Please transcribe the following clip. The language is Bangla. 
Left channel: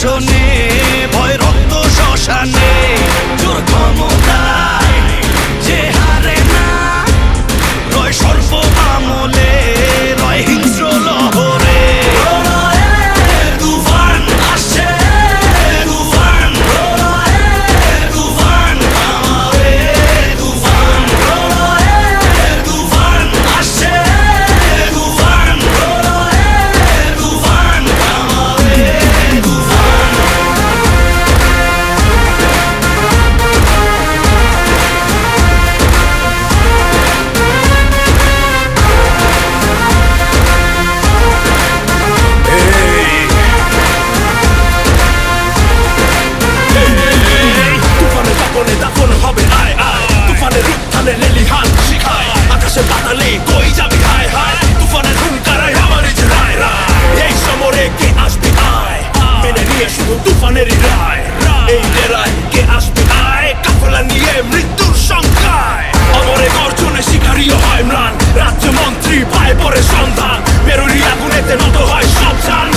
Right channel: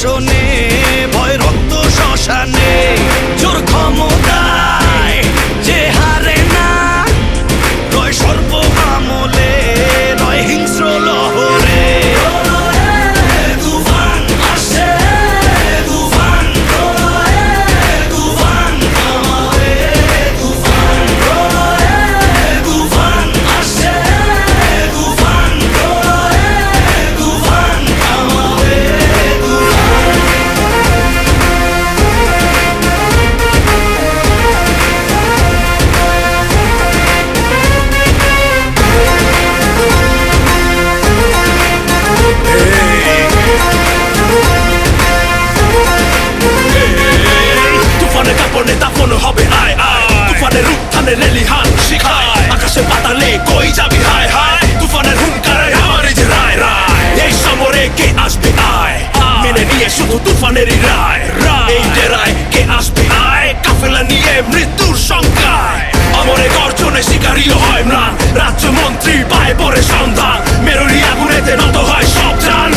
শাসনে ভয় রক্ত শ্মশানে জোর ক্ষমতায় যে হারে না রয় সর্ব আমলে রয় হিংস্র লহরে দাফন হবে আয় আয় তুফানের উত্থানে লেলিহান শিখায় আকাশে পাতালে কই যাবি হায় হায় তুফানের হুঙ্কারে আমার যে রায় রায় এই সমরে কে আসবে আয় মেনে নিয়ে শুধু তুফানেরই রায় এই ডেরায় কে আসবে আয় কাফেলা নিয়ে মৃত্যুর সংখ্যায় অমরে গর্জনে শিকারীও হয় ম্লান রাজ্য মন্ত্রী পায় পরে সন্ধান মেরুরি আগুনেতে নত হয় সব জান